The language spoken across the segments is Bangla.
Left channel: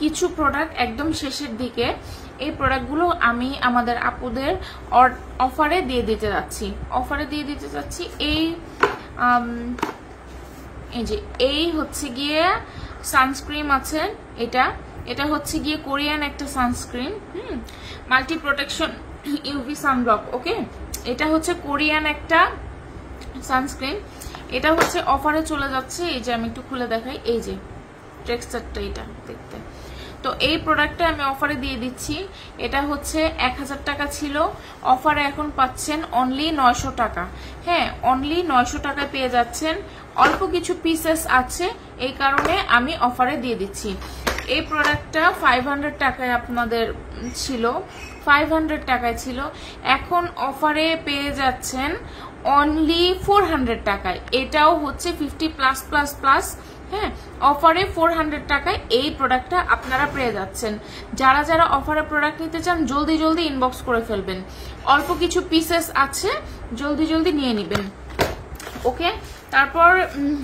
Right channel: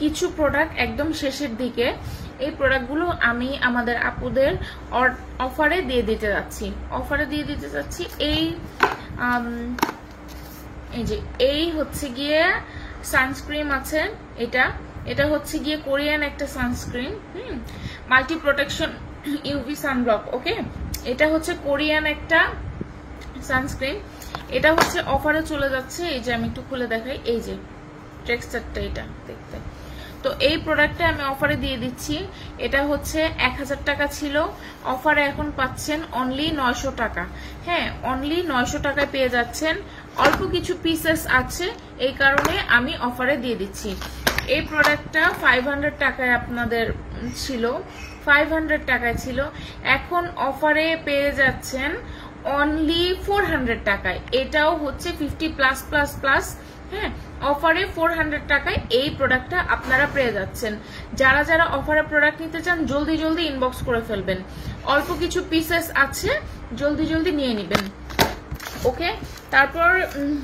কিছু প্রোডাক্ট একদম শেষের দিকে। এই প্রোডাক্টগুলো আমি আমাদের আপুদের অফারে দিয়ে দিতে যাচ্ছি। এই যে এই হচ্ছে গিয়ে সানস্ক্রিন আছে, এটা হচ্ছে গিয়ে কোরিয়ান একটা sunscreen, multi protection UV sunblock. Okay, এটা হচ্ছে কোরিয়ান একটা সানস্ক্রিন, এটা হচ্ছে অফারে চলে যাচ্ছে। এই যে আমি একটু খুলে দেখাই, এই যে টেক্সচারটা এটা দেখতে। তো এই প্রোডাক্টটা আমি অফারে দিয়ে দিচ্ছি। এটা হচ্ছে 1000 টাকা ছিল, অফারে এখন পাচ্ছেন অনলি 900 টাকা। হ্যাঁ, অনলি 900 টাকায় পেয়ে যাচ্ছেন। অল্প কিছু পিসেস আছে, এই কারণে আমি অফারে দিয়ে দিচ্ছি। এই প্রোডাক্টটা 500 টাকায় আপনাদের ছিল, 500 টাকায় ছিল, এখন অফারে পেয়ে যাচ্ছেন অনলি 400 টাকায়। এটাও হচ্ছে 50+++। হ্যাঁ, অফারে 400 টাকায় এই প্রোডাক্টটা আপনারা পেয়ে যাচ্ছেন। যারা যারা অফারে প্রোডাক্ট নিতে চান জলদি জলদি ইনবক্স করে ফেলবেন। অল্প কিছু পিসেস আছে, জলদি জলদি নিয়ে নেবেন। ওকে, তারপর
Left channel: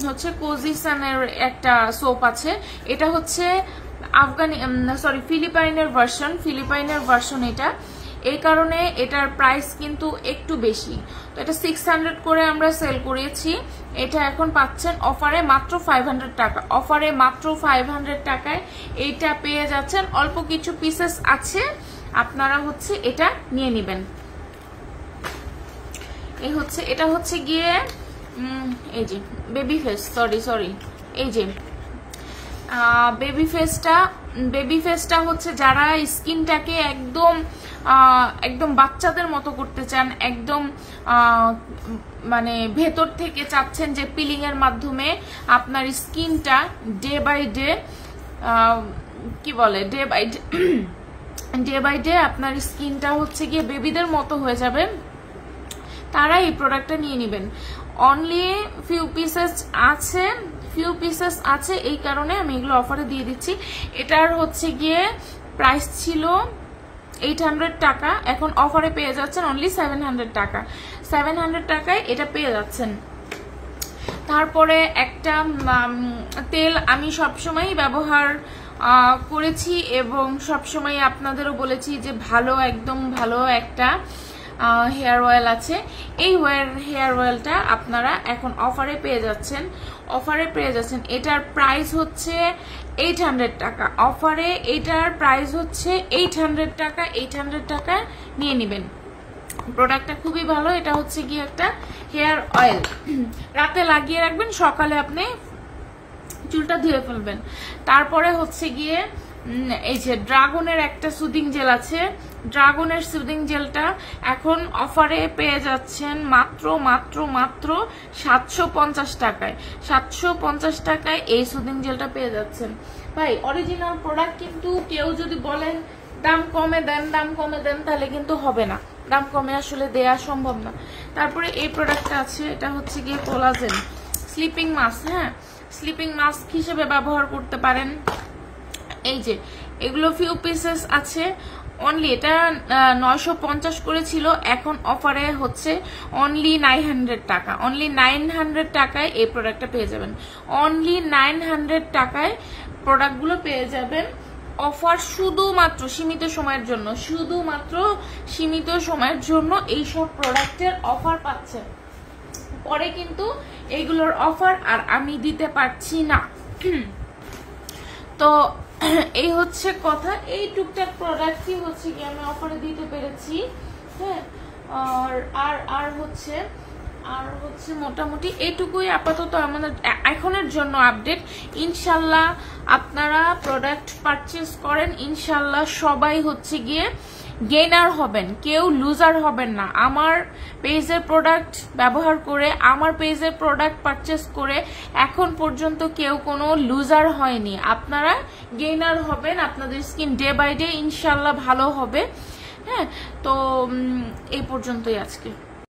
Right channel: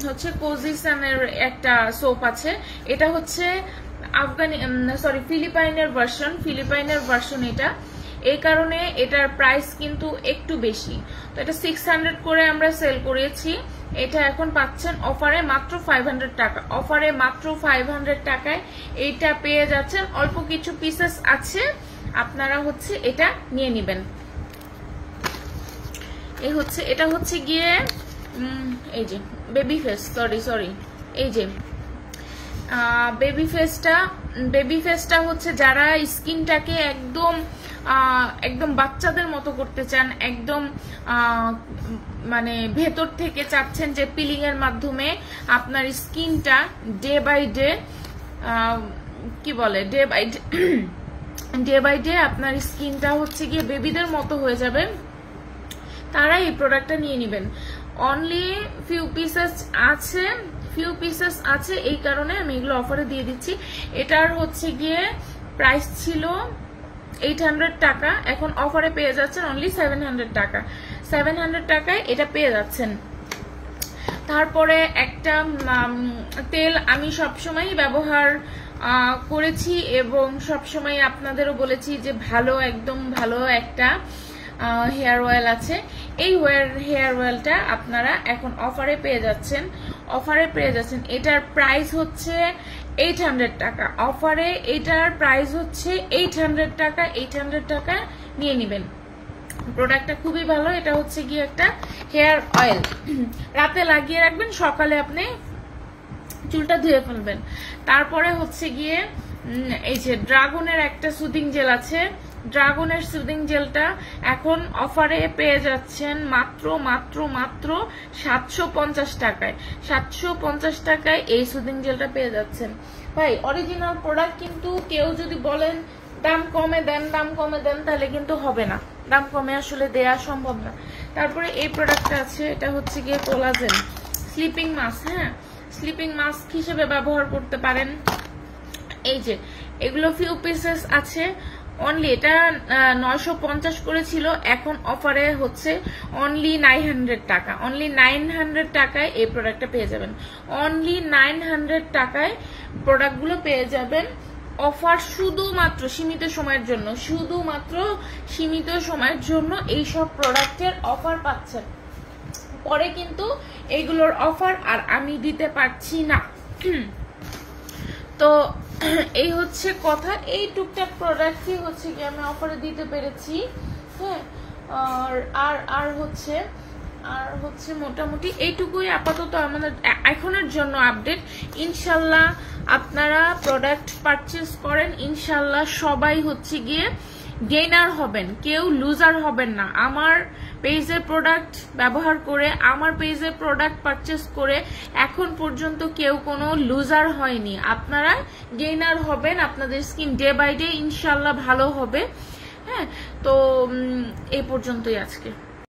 হচ্ছে কোজিসানের একটা সোপ আছে, এটা হচ্ছে ফিলিপাইনের ভার্সন এটা। এই কারণে এটার প্রাইস কিন্তু একটু বেশি, তো এটা 600 করে আমরা সেল করেছি। এটা এখন পাচ্ছেন অফারে মাত্র 500 টাকা, অফারে মাত্র 500 টাকায় এইটা পেয়ে যাচ্ছেন। অল্প কিছু পিসেস আছে, আপনারা হচ্ছে এটা নিয়ে নেবেন। এটা হচ্ছে গিয়ে এই যে বেবি ফেস, এই যে বেবি ফেসটা হচ্ছে যারা স্কিনটাকে একদম বাচ্চাদের মতো করতে চান, একদম মানে ভেতর থেকে চাচ্ছেন যে পিলিং এর মাধ্যমে আপনার স্কিনটা ডে বাই ডে আপনার স্কিনটা হচ্ছে গিয়ে বেবিদের মতো হয়ে যাবে, তারা এই প্রোডাক্টটা নিয়ে নেবেন। অনলি ফিউ পিসেস আছে, এই কারণে আমি এগুলো অফারে দিয়ে দিচ্ছি। এটার হচ্ছে গিয়ে প্রাইস ছিল 800 টাকা, এখন অফারে পেয়ে যাচ্ছেন অনলি 700 টাকা। 700 টাকায় এটা পেয়ে যাচ্ছেন। তারপরে একটা তেল আমি সবসময় ব্যবহার করেছি এবং সবসময় আপনাদেরও বলেছি যে একদম ভালো একটা হেয়ার অয়েল আছে। এই হেয়ার অয়েলটা আপনারা এখন অফারে পেয়ে যাচ্ছেন, এটার প্রাইস হচ্ছে 800 টাকা। অফারে এটার প্রাইস হচ্ছে 800 টাকা। 800 টাকা নিয়ে নেবেন। প্রোডাক্টটা খুবই ভালো। এটা হচ্ছে গিয়ে একটা হেয়ার অয়েল, রাতে লাগিয়ে রাখবেন, সকালে আপনি চুলটা ধুয়ে ফেলবেন। তারপরে হচ্ছে গিয়ে এই যে ড্রাগনের একটা সুদিং জেল আছে, ড্রাগনের সুদিং জেলটা এখন অফারে পেয়ে যাচ্ছেন মাত্র 750 টাকায়। 750 টাকায় এই সুদিং জেলটা পেয়ে যাচ্ছেন। ভাই অরিজিনাল প্রোডাক্ট, কিন্তু কেউ যদি বলেন দাম কমে দেন তাহলে কিন্তু হবে না, দাম কমে আসলে দেয়া সম্ভব না। তারপরে এই প্রোডাক্টটা আছে, এটা হচ্ছে গিয়ে কোলাজেন স্লিপিং মাস্ক। হ্যাঁ, স্লিপিং মাস্ক হিসেবে ব্যবহার করতে পারেন। এই যে এগুলো ফিউ পিসেস আছে, অনলি এটা 950 করেছিল, এখন অফারে হচ্ছে অনলি 900 টাকা। অনলি 900 টাকায় এই প্রোডাক্টটা পেয়ে যাবেন। অনলি 900 টাকায় প্রোডাক্টগুলো পেয়ে যাবেন। অফার শুধুমাত্র সীমিত সময়ের জন্য এইসব প্রোডাক্টের অফার পাচ্ছেন। পরে কিন্তু এগুলোর অফার আর আমি দিতে পারছি না। তো এই হচ্ছে কথা, এই টুকটাক প্রোডাক্টই হচ্ছে কি আমি অফারে দিতে পেরেছি। হ্যাঁ, আর হচ্ছে মোটামুটি এইটুকুই আপাতত আমাদের এখনের জন্য আপডেট। ইনশাল্লাহ আপনারা প্রোডাক্ট পারচেজ করেন, ইনশাল্লাহ সবাই হচ্ছে গিয়ে গেইনার হবেন, কেউ লুজার হবেন না। আমার পেজের প্রোডাক্ট ব্যবহার করে, আমার পেজের প্রোডাক্ট পারচেজ করে এখন পর্যন্ত কেউ কোনো লুজার হয়নি। আপনারা গেইনার হবেন, আপনাদের স্কিন ডে বাই ডে ইনশাল্লাহ ভালো হবে। হ্যাঁ, তো এই পর্যন্তই আজকে।